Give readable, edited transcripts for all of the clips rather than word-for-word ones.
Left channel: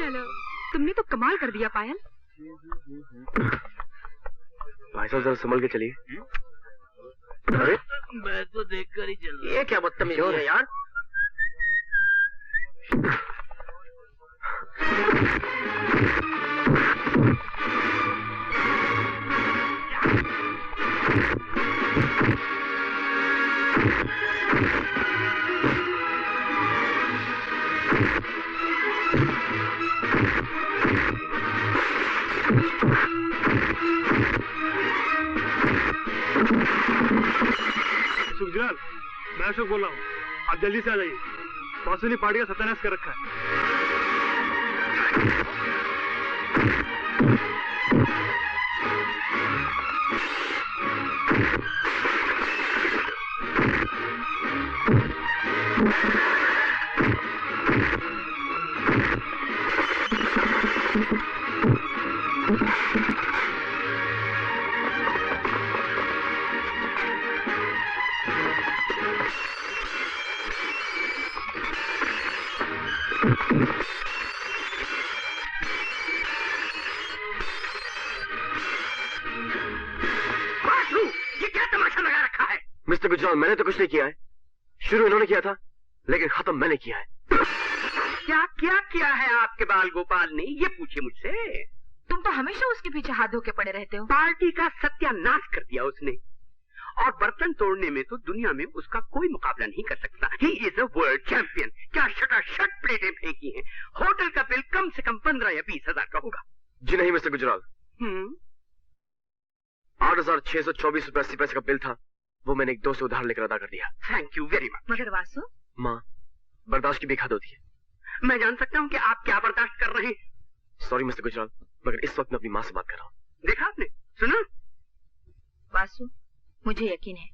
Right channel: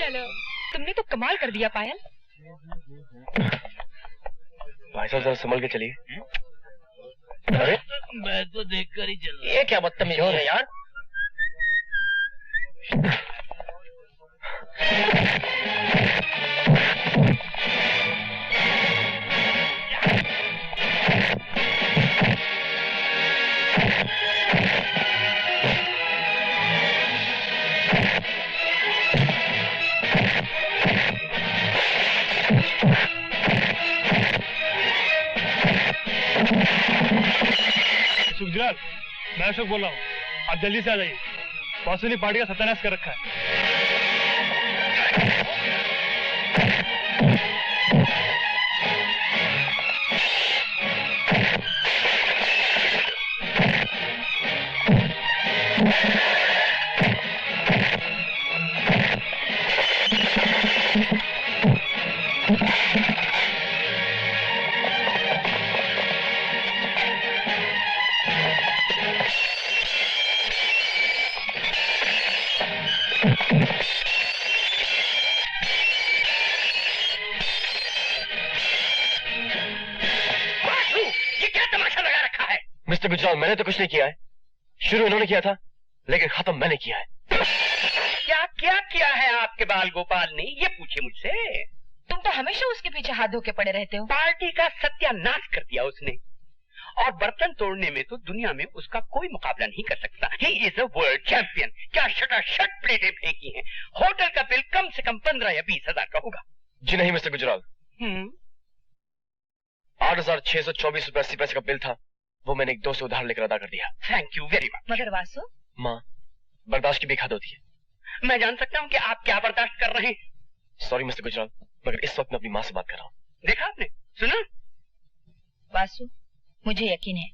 चलो, तुमने तो कमाल कर दिया पायल। भाई साहब जरा संभल के चलिए। अरे मैं तो देखकर ही चल रहा। ये क्या बदतमीजी है यार। गुजराल, मैं अशोक बोल रहा हूँ। आप जल्दी से आ जाइए। बॉस ने पार्टी का सत्यानाश कर रखा है। मिस्टर गुजराल, मैंने तो कुछ नहीं किया है। शुरू इन्होंने किया था, लेकिन खत्म मैंने किया है। क्या क्या किया है आपके बाल गोपाल ने, ये पूछे मुझसे। तुम तो हमेशा उसके पीछे हाथ धो के पड़े रहते हो। पार्टी का सत्यानाश कर दिया उसने, और बर्तन तोड़ने में तो दुनिया में उसका कोई मुकाबला नहीं कर सकता। He is a world champion. क्या शटाशट प्लेटें फेंकी हैं। होटल का बिल कम से कम 15 या 20 हजार का होगा। जी नहीं मिस्टर गुजराल, 8,624 रुपए 80 पैसे का बिल था, वो मैंने एक दोस्त से उधार लेकर अदा कर दिया। Thank you very much. मगर वासु, माँ, बर्दाश्त की भी हद होती है। मैं जान सकता हूँ कि आप क्या बर्दाश्त कर रहे हैं। सॉरी मिस्टर गुजराल, मगर इस वक्त मैं अपनी माँ से बात कर रहा हूँ। देखा आपने, सुना? वासु, मुझे यकीन है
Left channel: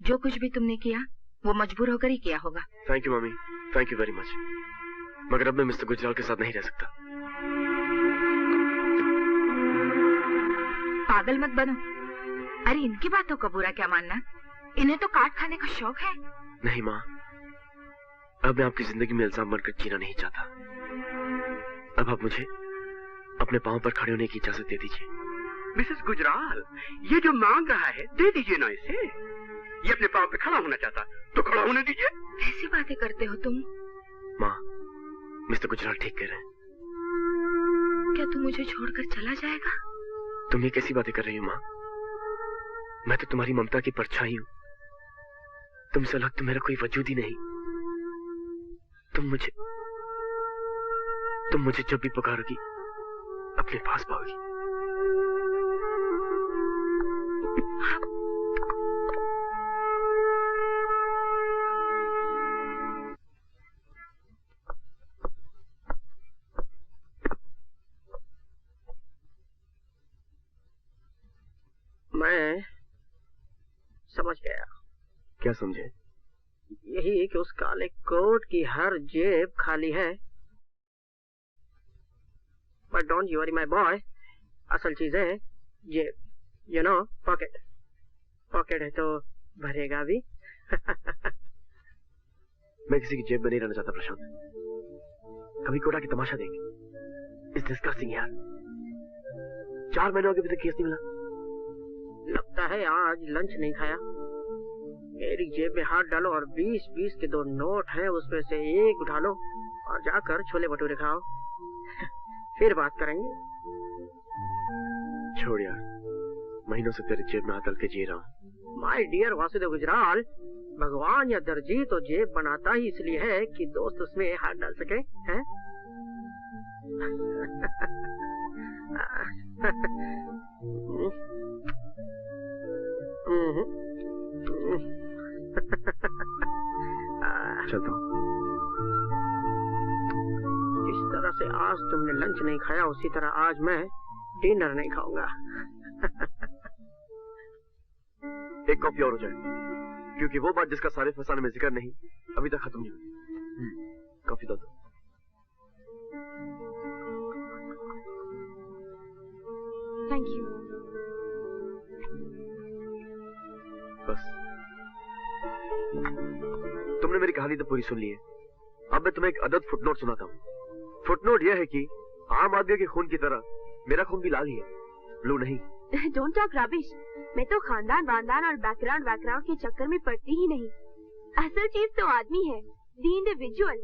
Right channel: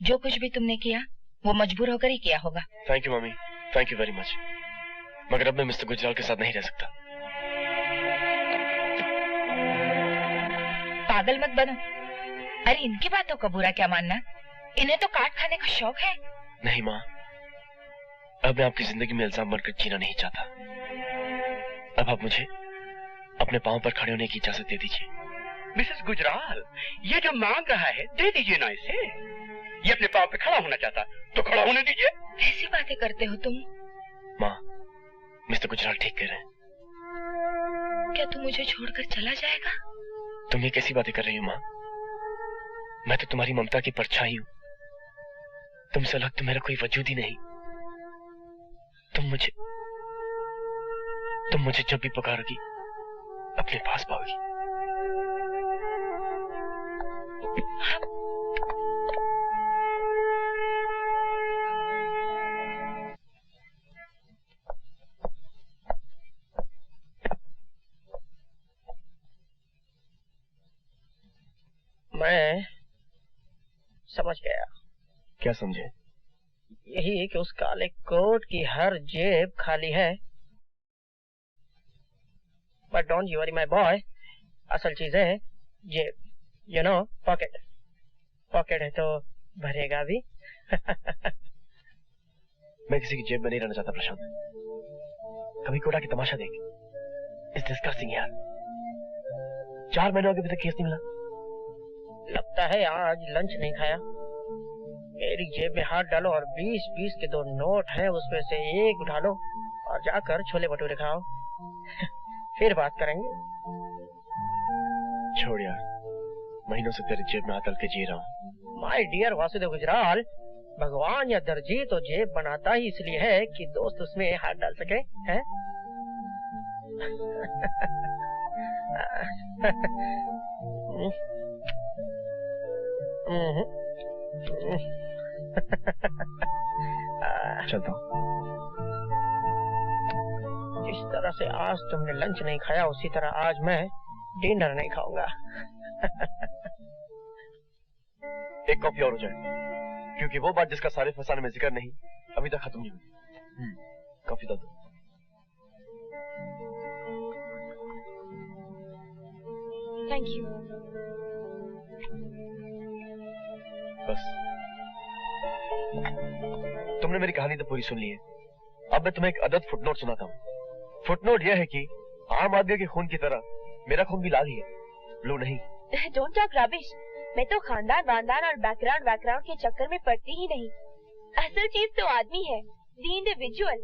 जो कुछ भी तुमने किया वो मजबूर होकर ही किया होगा। Thank you mummy, thank you very much. मगर अब मैं मिस्टर गुजराल के साथ नहीं रह सकता। पागल मत बनो। अरे इनकी बातों का बुरा क्या मानना, इन्हें तो काट खाने का शौक है। नहीं माँ, अब मैं आपकी जिंदगी में इल्जाम बनकर जीना नहीं चाहता। अब आप मुझे अपने पांव पर खड़े होने की इजाजत दे दीजिए। मिसेस गुजराल, ये जो मांग रहा है दे दीजिए ना इसे। ये अपने पांव पे खड़ा होना चाहता तो खड़ा होने दीजिए। कैसी बातें करते हो तुम? माँ, मिस्टर गुजराल ठीक कह रहे हैं। क्या तू मुझे छोड़कर चला जाएगा? तुम ये कैसी बातें कर रही हो माँ? मैं तो तुम्हारी ममता की परछाई हूँ। तुमसे अलग तो मेरा कोई वजूद ही नहीं। तुम मुझे जब भी पुकारोगी अपने पास पाओगी। मैं समझ गया। क्या समझे? यही कि उस काले कोट की हर जेब खाली है। But don't you worry my boy, असल चीज है जेब, यू नो, पॉकेट। पॉकेट है तो भरेगा भी। मैं किसी की जेब में नहीं रहना चाहता प्रशांत। कभी कोटा की तमाशा देख। इट्स डिस्गस्टिंग यार। 4 महीनों के अभी तक केस नहीं मिला। लगता है आज लंच नहीं खाया। मेरी जेब में हाथ डालो और 20-20 के 2 नोट हैं, उसमें से एक उठा लो और जाकर छोले भटूरे खाओ। फिर बात करेंगे। छोड़ यार, महीनों से तेरी जेब में हाथ डाल के जी रहा हूँ। माय डियर वासुदेव गुजराल, भगवान या दर्जी तो जेब बनाता ही इसलिए है कि दोस्त उसमें हाथ डाल सके, हैं? चलता हूँ। जिस तरह से आज तुमने लंच नहीं खाया, उसी तरह आज मैं डिनर नहीं खाऊंगा। एक कॉफी और हो जाए, क्योंकि वो बात जिसका सारे फसाने में जिक्र नहीं अभी तक खत्म नहीं हुई। कॉफी दो। Thank you. बस, तुमने मेरी कहानी तो पूरी सुन ली है। अब मैं तुम्हें एक अदद फुटनोट सुनाता हूँ। फुटनोट यह है कि आम आदमी के खून की तरह मेरा खून भी लाल ही है, ब्लू नहीं। Don't talk rubbish. मैं तो खानदान वानदान और बैकग्राउंड के चक्कर में पड़ती ही नहीं। असल चीज तो आदमी है, द इंडिविजुअल।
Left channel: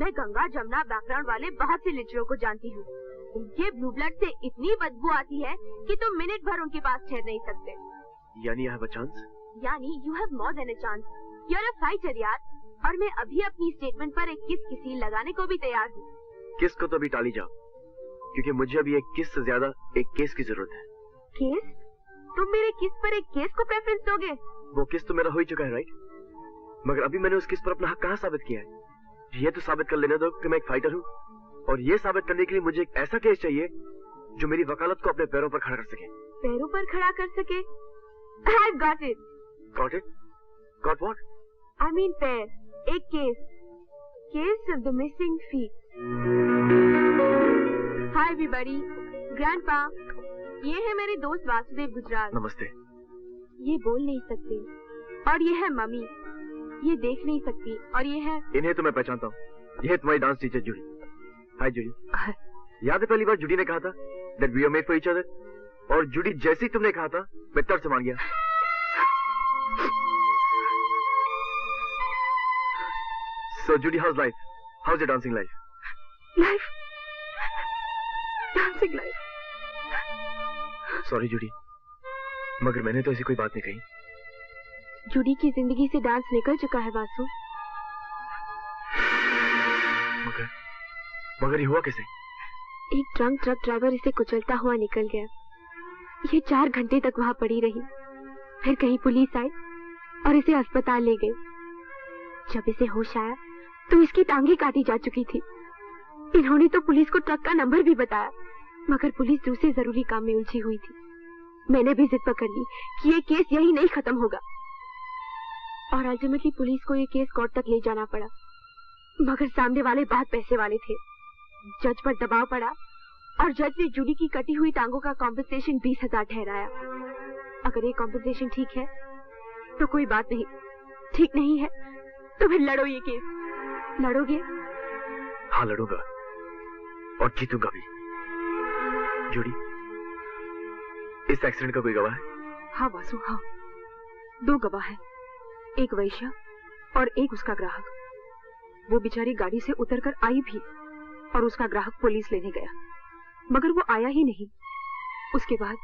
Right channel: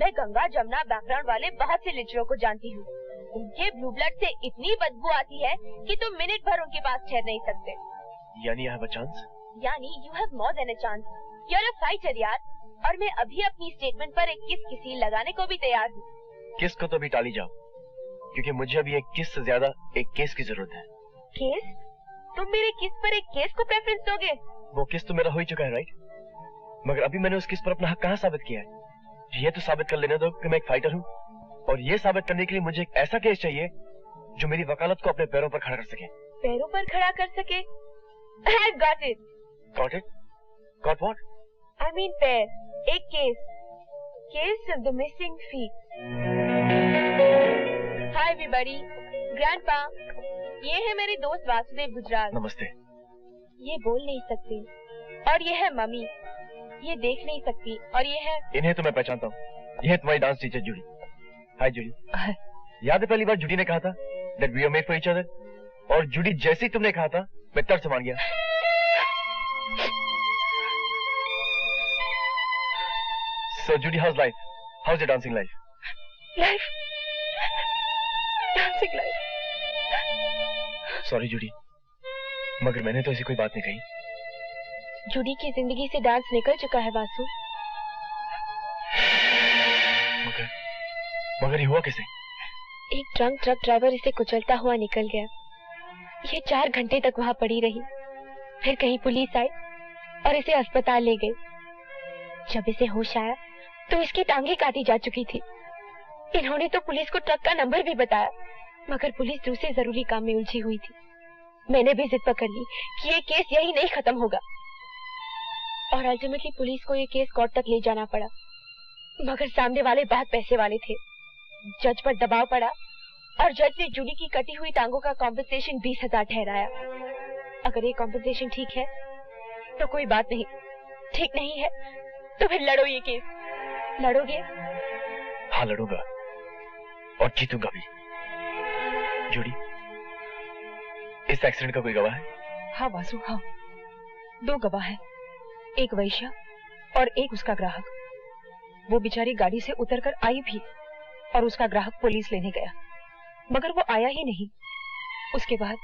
मैं गंगा जमुना बैकग्राउंड वाले बहुत से लिटरों को जानती हूँ। उनके ब्लू ब्लड से इतनी बदबू आती है कि तुम मिनट भर उनके पास ठहर नहीं सकते। यानी आई हैव अ चांस? यानी you have more than a chance. You are a fighter यार। और मैं अभी अपनी स्टेटमेंट पर एक किस की सील लगाने को भी तैयार हूँ। किस को तो अभी टाली जाओ, क्योंकि मुझे अभी एक किस से ज्यादा एक केस की जरूरत है। केस? तुम मेरे किस पर एक केस को प्रेफरेंस दोगे? वो किस तो मेरा हो ही चुका है, राइट? मगर अभी मैंने उस किस पर अपना हक कहाँ साबित किया है? ये तो साबित कर लेने दो कि मैं एक फाइटर हूँ, और ये साबित करने के लिए मुझे एक ऐसा केस चाहिए जो मेरी वकालत को अपने पैरों पर खड़ा कर सके। पैरों पर खड़ा कर सके? I've got it. Got it? Got what? I mean पैर। एक case. Case of the missing feet. Hi everybody. Grandpa. ये है मेरे दोस्त वासुदेव गुजराल। नमस्ते। ये बोल नहीं सकते। और ये है मम्मी। ये देख नहीं सकती। और ये है, इन्हें तो मैं पहचानता हूँ। ये है तुम्हारी डांस टीचर जूडी। हाय जूडी। याद है पहली बार जूडी ने कहा था that we are made for each other? और जूडी जैसे ही तुमने कहा था मैं तर्क से मान गया। So Judy, how's life? How's your dancing life? life. Dancing life. Sorry Judy, मगर मैंने तो ऐसी कोई बात नहीं कही। जूडी की जिंदगी से डांस निकल चुका है वासु। मगर ये हुआ कैसे? एक ड्रंक ट्रक ड्राइवर इसे कुचलता हुआ निकल गया। ये 4 घंटे तक वहाँ पड़ी रही। फिर कहीं पुलिस आई और इसे अस्पताल ले गई। जब इसे होश आया तो इसकी टांगे काटी जा चुकी थी। इन्होंने तो पुलिस को ट्रक का नंबर भी बताया, मगर पुलिस दूसरे जरूरी काम में उलझी हुई थी। मैंने भी जिद पकड़ ली कि ये केस यही नहीं खत्म होगा, और अल्टीमेटली पुलिस को ये केस कोर्ट तक ले जाना पड़ा। मगर सामने वाले बहुत पैसे वाले थे। जज पर दबाव पड़ा और जज ने जूडी की कटी हुई टांगों का कॉम्पेंसेशन 20,000 ठहराया। अगर ये कॉम्पेंसेशन ठीक है तो कोई बात नहीं, ठीक नहीं है तो फिर लड़ो ये केस। लड़ोगे? हाँ लड़ूंगा, और जीतूंगा भी। जूडी, इस एक्सीडेंट का कोई गवाह है? हाँ वासु, हाँ। 2 गवाह है, एक वैश्या और एक उसका ग्राहक। वो बेचारी गाड़ी से उतरकर आई भी और उसका ग्राहक पुलिस लेने गया, मगर वो आया ही नहीं। उसके बाद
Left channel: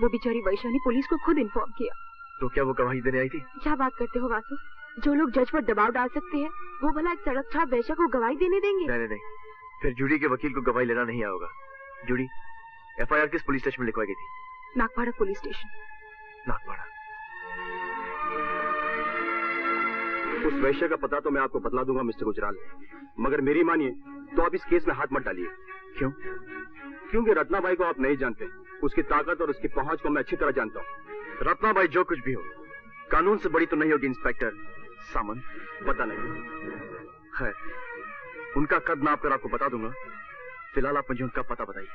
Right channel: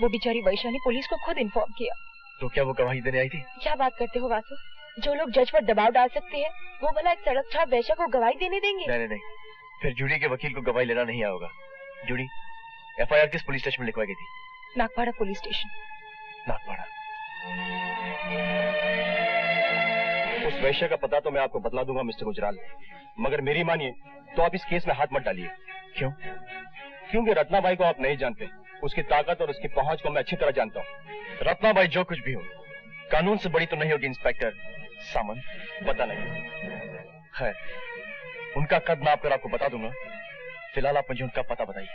वो बेचारी वैश्या ने पुलिस को खुद इन्फॉर्म किया। तो क्या वो गवाही देने आई थी? क्या बात करते हो वासु? जो लोग जज पर दबाव डाल सकते हैं वो भला एक सड़क छाप वैश्या को गवाही देने देंगे? नहीं, फिर जूडी के वकील को गवाही लेना नहीं आएगा। जूडी, FIR किस पुलिस स्टेशन में लिखवाई गई थी? Nagpada police station. नागपाड़ा। उस वैश्य का पता तो मैं आपको बतला दूंगा मिस्टर गुजराल, मगर मेरी मानिए तो आप इस केस में हाथ मत डालिए। क्यों? क्योंकि रत्नाबाई को आप नहीं जानते। उसकी ताकत और उसकी पहुंच को मैं अच्छी तरह जानता हूँ। रत्नाबाई जो कुछ भी हो, कानून से बड़ी तो नहीं होगी इंस्पेक्टर सामंत। पता नहीं, खैर उनका कद नाप कर आपको बता दूंगा। फिलहाल आप मुझे उनका पता बताइए।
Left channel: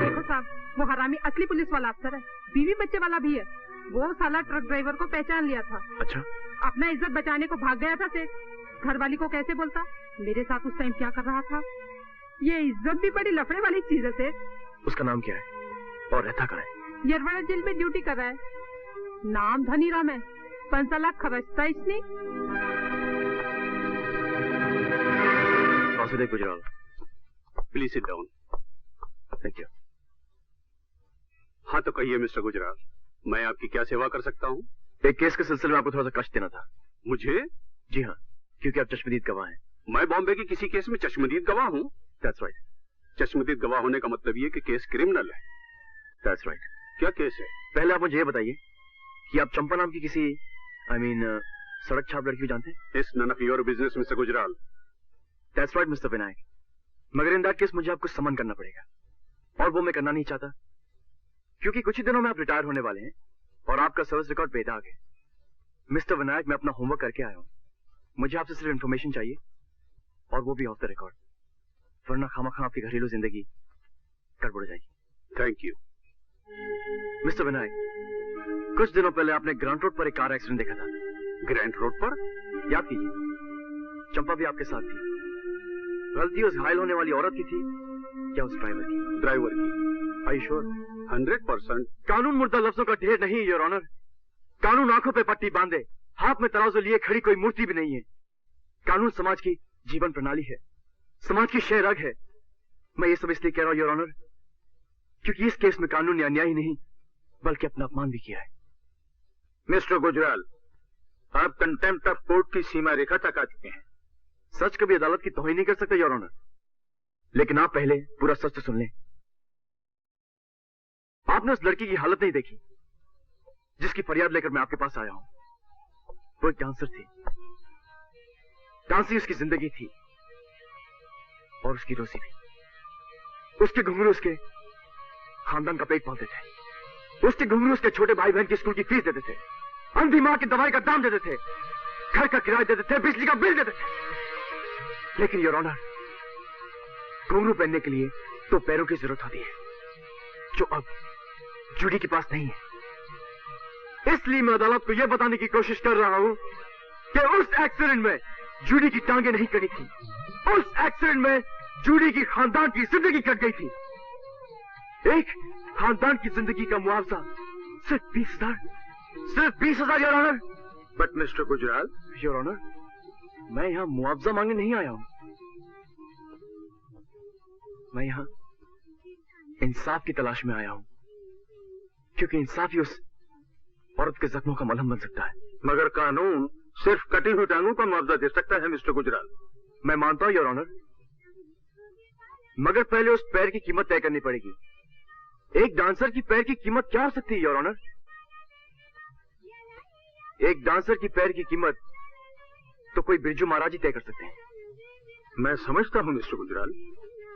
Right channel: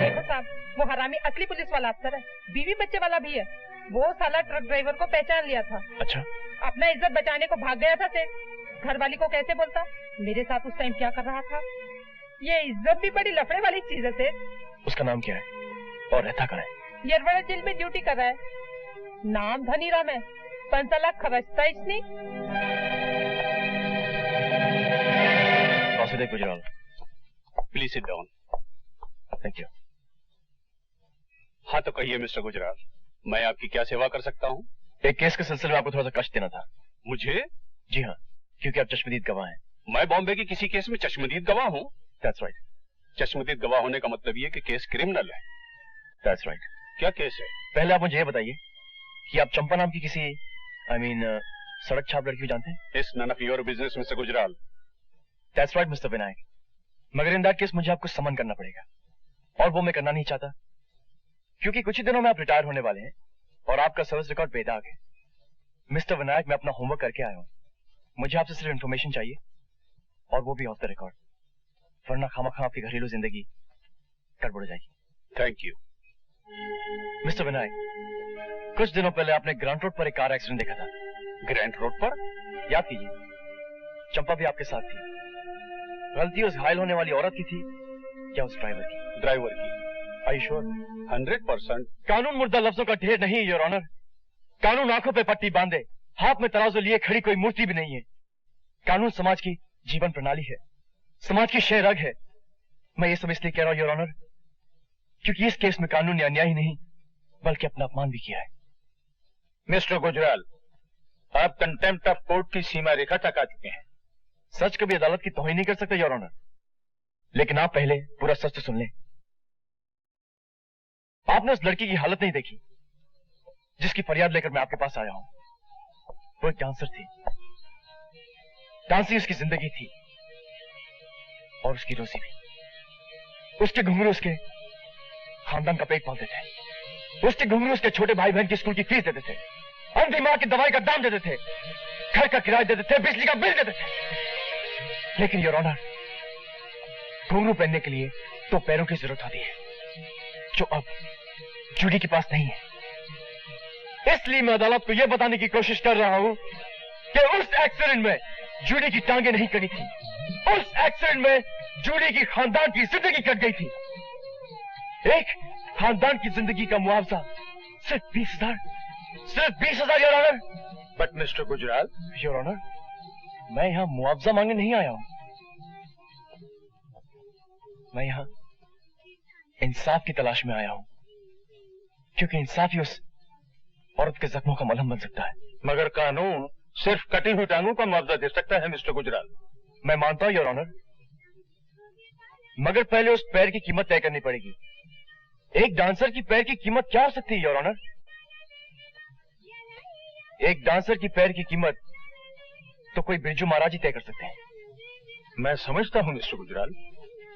देखो साहब, वो हरामी असली पुलिस वाला अफसर है, बीवी बच्चे वाला भी है। वो साला ट्रक ड्राइवर को पहचान लिया था। अच्छा? अपना इज्जत बचाने को भाग गया था सेठ। घरवाली को कैसे बोलता मेरे साथ उस टाइम क्या कर रहा था। ये इज्जत भी बड़ी लफड़े वाली चीज है सेठ। उसका नाम क्या है और रहता कहाँ है? यरवड़ा जेल में ड्यूटी कर रहा है। नाम धनीराम है। 5 लाख खर्चता इसने। Vasudev Gujral, please sit down. Thank you. हाँ तो कहिए मिस्टर गुजराल, मैं आपकी क्या सेवा कर सकता हूँ? एक केस के सिलसिले में आपको थोड़ा सा कष्ट देना था। मुझे? जी हाँ, क्योंकि आप चश्मदीद गवाह हैं। मैं बॉम्बे के किसी केस में चश्मदीद गवाह हूँ? That's right. चश्मदीद गवाह होने का मतलब ये कि केस क्रिमिनल है। That's right. क्या केस है? पहले आप मुझे ये बताइए कि आप चंपा नाम की किसी सड़क छाप लड़की को जानते हैं? It's none of your business, mister Gujral. That's right, mister Vinayak. मगर इन दैट केस मुझे आपको समन करना पड़ेगा, और वो मैं करना नहीं चाहता, क्योंकि कुछ ही दिनों में आप रिटायर होने वाले हैं और आपका सर्विस रिकॉर्ड बेदाग है। मिस्टर विनायक, मैं अपना होमवर्क करके आया हूँ। मुझे आपसे सिर्फ इन्फॉर्मेशन चाहिए, और वो भी ऑफ द रिकॉर्ड, वरना खामखा आपकी घरेलू जिंदगी गड़बड़ जाएगी। Thank you. मिस्टर विनायक, कुछ दिनों पहले आपने ग्रांट रोड पर एक कार एक्सीडेंट देखा था। ग्रैंड रोड पर? याद कीजिए, चंपा भी आपके साथ थी। गलती उस घायल होने वाली औरत की थी या उस ड्राइवर की? ड्राइवर की। I sure? 100%। कानून मुर्दा लफ्जों का ढेर नहीं, योर ऑनर। कानून आंखों पे पट्टी बांधे, हाथ में तराजू लिए खड़ी कोई मूर्ति भी नहीं है। कानून समाज की जीवन प्रणाली है, समाज की शह रग है। मैं ये सब इसलिए कह रहा हूं, योर ऑनर, क्योंकि इस केस में कानून ने अन्याय ही नहीं बल्कि अपना अपमान भी किया है। मिस्टर गुजराल, आप कंटेम्प्ट ऑफ कोर्ट की सीमा रेखा तक आ चुके हैं। सच कभी अदालत की तौहीन नहीं कर सकते योर ऑनर, लेकिन आप पहले पूरा सच तो सुन लें। आपने उस लड़की की हालत नहीं देखी जिसकी फरियाद लेकर मैं आपके पास आया हूं। वो एक डांसर थी, डांसिंग उसकी जिंदगी थी और उसकी रोजी भी। उसके घुंघरू उसके खानदान का पेट पालते थे, उसके घुंघरू उसके छोटे भाई बहन की स्कूल की फीस देते थे, अंधी मां की दवाई का दाम देते थे, घर का किराया देते थे, बिजली का बिल देते थे। लेकिन योर ऑनर, घुंघरू पहनने के लिए तो पैरों की जरूरत होती है, जो अब जूडी के पास नहीं है। इसलिए मैं अदालत को यह बताने की कोशिश कर रहा हूं कि उस एक्सीडेंट में जूडी की टांगें नहीं कटी थी, उस एक्सीडेंट में जूडी की खानदान की जिंदगी कट गई थी। एक खानदान की जिंदगी का मुआवजा सिर्फ 20,000, सिर्फ 20,000 your honour. But mister Gujral. Your honour, मैं यहां मुआवजा मांगने नहीं आया हूं, मैं यहां इंसाफ की तलाश में आया हूं, क्योंकि इंसाफ ही उस औरत के जख्मों का मलहम बन सकता है। मगर कानून सिर्फ कटी हुई टांगों का मुआवजा दे सकता है मिस्टर गुजराल। मैं मानता हूं योर ऑनर, मगर पहले उस पैर की कीमत तय करनी पड़ेगी। एक डांसर की पैर की कीमत क्या हो सकती है योर ऑनर? एक डांसर की पैर की कीमत तो कोई बिरजू महाराज ही तय कर सकते हैं। मैं समझता हूं mister Gujral,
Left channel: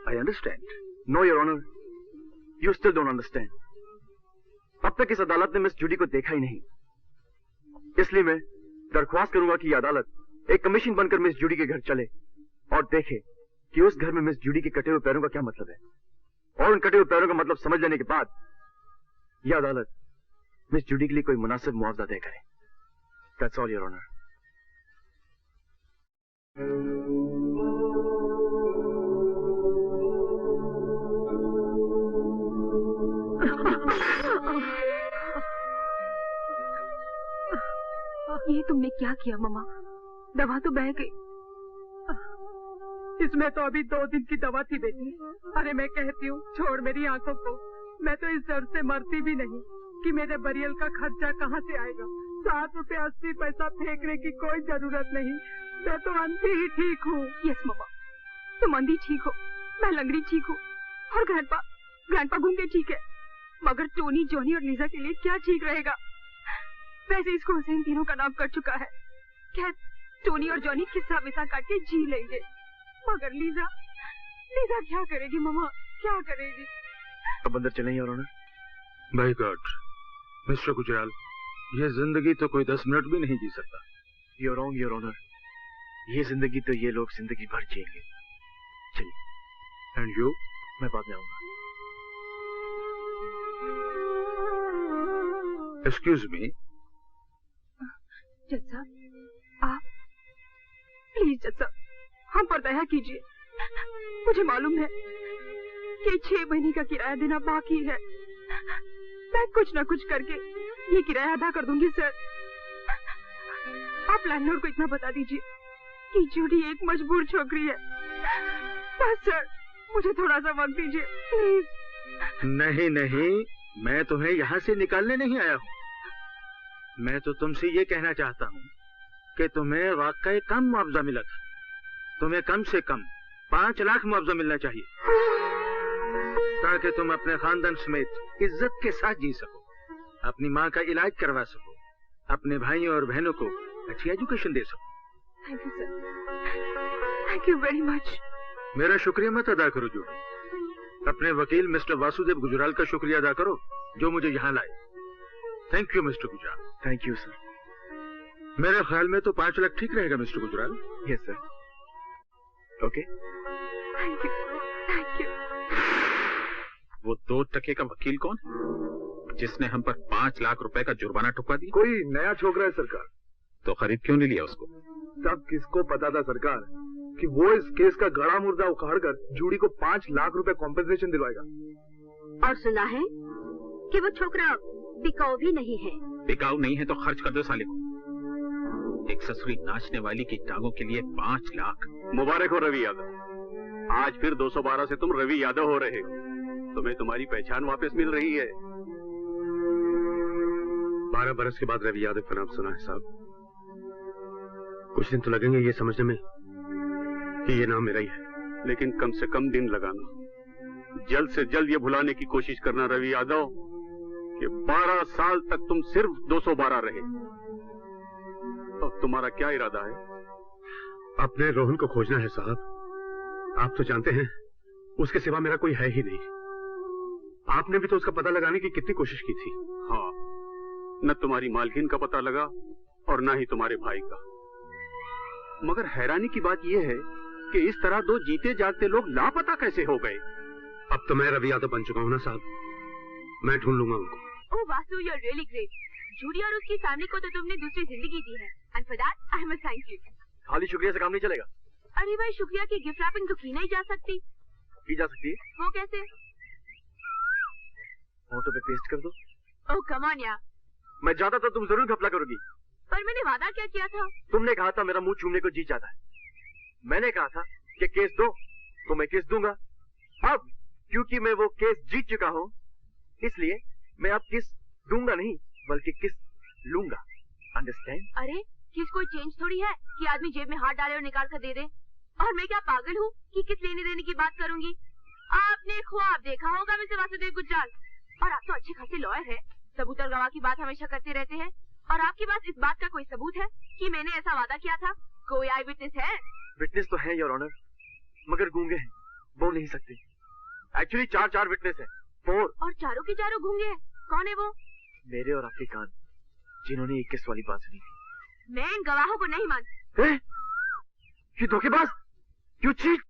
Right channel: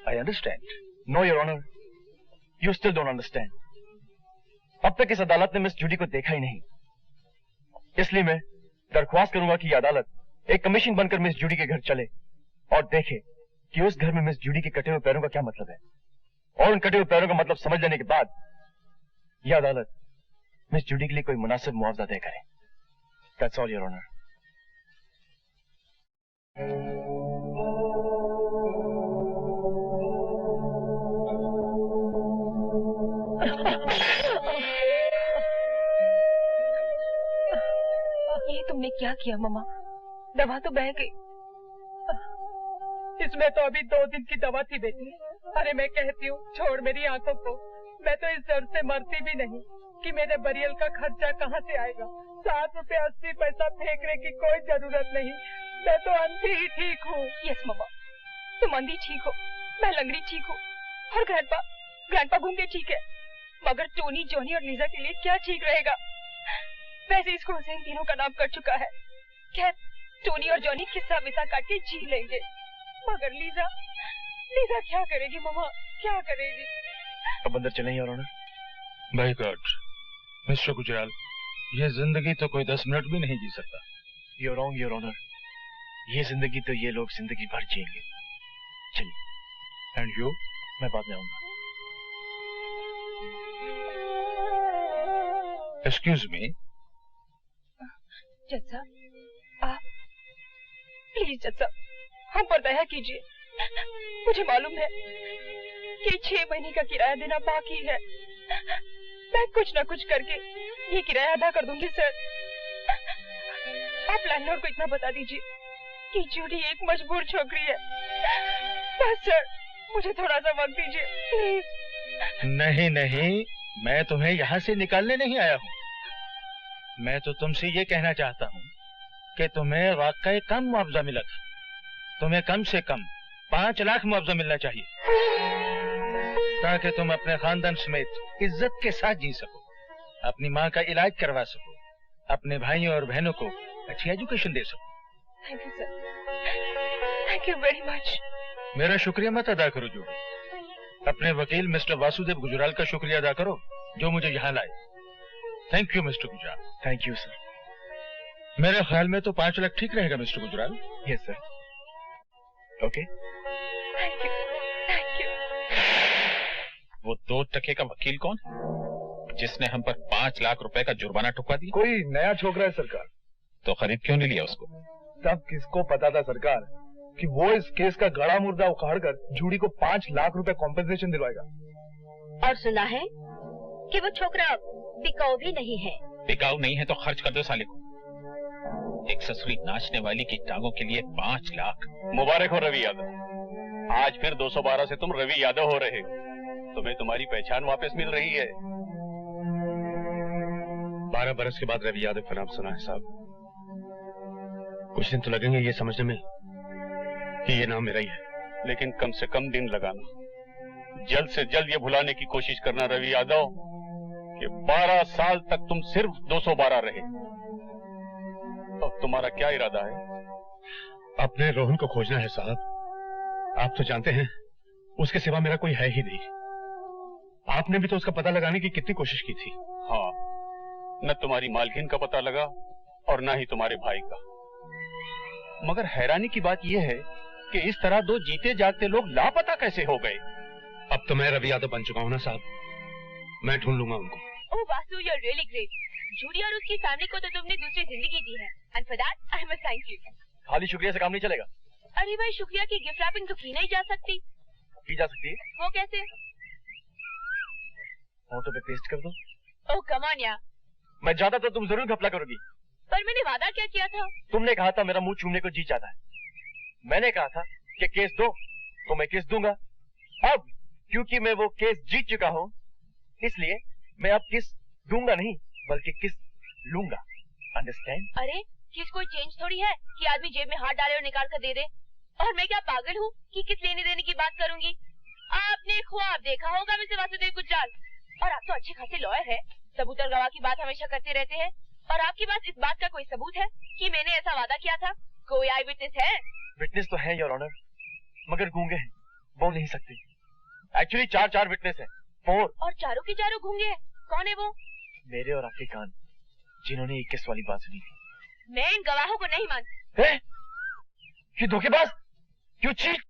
I understand. No your honour, you still don't understand. अब तक इस अदालत ने मिस जूडी को देखा ही नहीं, इसलिए मैं दरख्वास्त करूंगा कि यह अदालत एक कमीशन बनकर मिस जूडी के घर चले और देखे कि उस घर में मिस जूडी के कटे हुए पैरों का क्या मतलब है, और उन कटे हुए पैरों का मतलब समझ लेने के बाद यह अदालत मिस जूडी के लिए कोई मुनासिब मुआवजा तय करे। That's all your honour. ये तुमने क्या किया मम्मा? दवा तो बह गई। इसमें तो अभी 2 दिन की दवा थी बेटी। अरे मैं कहती हूँ छोड़ मेरी आंखों को, मैं तो इस दर्द से मरती भी नहीं कि मेरे बरियल का खर्चा कहाँ से आएगा। 7 रुपए 80 पैसा फेंकने की कोई जरूरत नहीं, मैं तो अंधी ही ठीक हूँ। यस मम्मा, तुम अंधी ठीक हो, मैं लंगड़ी ठीक हूँ, और ग्रैंडपा गूंगे ठीक है, मगर टोनी, जॉनी और लीजा के लिए क्या ठीक रहेगा? वैसे इसको हुसैन तीनों का नाम कर चुका है। खैर, टोनी और जॉनी किस्सा विसा काट के जी लेंगे, मगर लीजा क्या करेगी मम्मा, क्या करेगी? अब अंदर चलें your honour. By God mister Gujral, ये जिंदगी तो कोई 10 मिनट भी नहीं जी सकता। You're wrong, योर ऑनर, ये जिंदगी तो ये लोग जिंदगी भर जिएंगे। चलिए। And you? मैं बाद में आऊंगा। Excuse me. जज साहब, आप प्लीज जज साहब, हम पर दया कीजिए। मुझे मालूम है कि 6 महीने का किराया देना बाकी है। मैं कुछ न कुछ करके ये किराया अदा कर दूंगी सर। आप लैंडलॉर्ड को इतना बता दीजिए कि जूडी एक मजबूर छोकरी है। बस सर, मुझे थोड़ा सा वक्त दीजिए प्लीज। नहीं नहीं, मैं तुम्हें यहाँ से निकालने नहीं आया हूँ। मैं तो तुमसे ये कहना चाहता हूँ कि तुम्हें वाकई कम मुआवजा मिला था। तुम्हें कम से कम 5 लाख मुआवजा मिलना चाहिए, ताकि तुम अपने खानदान समेत इज्जत के साथ जी सको, अपनी माँ का इलाज करवा सको, अपने भाइयों और बहनों को अच्छी एजुकेशन दे सको। Thank you sir, thank you very much. मेरा शुक्रिया मत अदा करो जूडी, अपने वकील मिस्टर वासुदेव गुजराल का शुक्रिया अदा करो जो मुझे यहाँ लाए। Thank you mister Gujral. Thank you sir. मेरे ख्याल में तो 5 लाख ठीक रहेगा mister Gujral. Yes sir. Okay. Thank you, thank you. वो 2 टके का वकील कौन है जिसने हम पर 5 लाख रुपए का जुर्माना ठुकवा दिया? कोई नया छोकरा है सरकार। तो खरीद क्यों नहीं लिया उसको? सब किसको पता था सरकार कि वो इस केस का गड़ा मुर्दा उखाड़कर जूडी को 5 लाख रुपए कॉम्पेंसेशन दिलवाएगा। और सुना है कि वो छोकरा बिकाऊ भी नहीं है। बिकाऊ नहीं है तो खर्च कर दो साले को। एक ससुरी नाचने वाली की टांगों के लिए 5 लाख। मुबारक हो रवि यादव, आज फिर 212 से तुम रवि यादव हो रहे हो। तुम्हें तुम्हारी पहचान वापस मिल रही है। 12 बरस के बाद रवि यादव का नाम सुना है साहब। कुछ दिन तो लगेंगे ये समझने में कि ये नाम मेरा ही है, लेकिन कम से कम दिन लगाना। जल्द से जल्द ये भुलाने की कोशिश करना रवि यादव कि 12 साल तक तुम सिर्फ 212 रहे। अब तुम्हारा क्या इरादा है? अपने रोहन को खोजना है साहब। आप तो जानते हैं उसके सिवा मेरा कोई है ही नहीं। आपने भी तो उसका पता लगाने की कितनी कोशिश की थी। हाँ, न तुम्हारी मालकिन का पता लगा और न ही तुम्हारे भाई का। मगर हैरानी की बात यह है कि इस तरह दो जीते जागते लोग लापता कैसे हो गए? अब तो मैं रवि यादव बन चुका हूं ना साहब, मैं ढूंढ लूंगा उनको। Oh Vasu, you are really great. Judy और उसकी फैमिली को तो तुमने दूसरी जिंदगी दी है, and for that I must thank you. खाली शुक्रिया से काम नहीं चलेगा। अरे भाई, शुक्रिया की गिफ्ट रैपिंग तो की नहीं जा सकती। की जा सकती है। वो कैसे? फोटो पे पेस्ट कर दो। ओह कम ऑन यार। मैं जाता तो तुम जरूर घपला करोगी। पर मैंने वादा क्या किया था? तुमने कहा था मेरा मुंह चूमने को जी चाहता है। मैंने कहा था कि केस दो तो मैं केस दूंगा। अब क्योंकि मैं वो केस जीत चुका हूँ, इसलिए मैं अब किस दूंगा नहीं बल्कि किस लूंगा। अंडरस्टैंड? अरे किस कोई चेंज थोड़ी है कि आदमी जेब में हाथ डाले और निकाल कर दे दे। और मैं क्या पागल हूँ कि किस लेने देने की बात करूंगी? आपने ख्वाब देखा होगा मिस्टर वासुदेव गुजराल, और आप तो अच्छे खासे लॉयर है, सबूत और गवाह की बात हमेशा करते रहते हैं। और आपके पास इस बात का कोई सबूत है कि मैंने ऐसा वादा किया था? कोई आई विटनेस है? विटनेस तो है योर ऑनर, मगर गूंगे हैं, बोल नहीं सकते। एक्चुअली 4 विटनेस है, 4। और चारों के चारों गूंगे हैं। कौन है वो? मेरे और आपके कान, जिन्होंने 21 वाली बात सुनी थी। मैं इन गवाहों को नहीं मानती। ये धोखेबाज, यू चीट।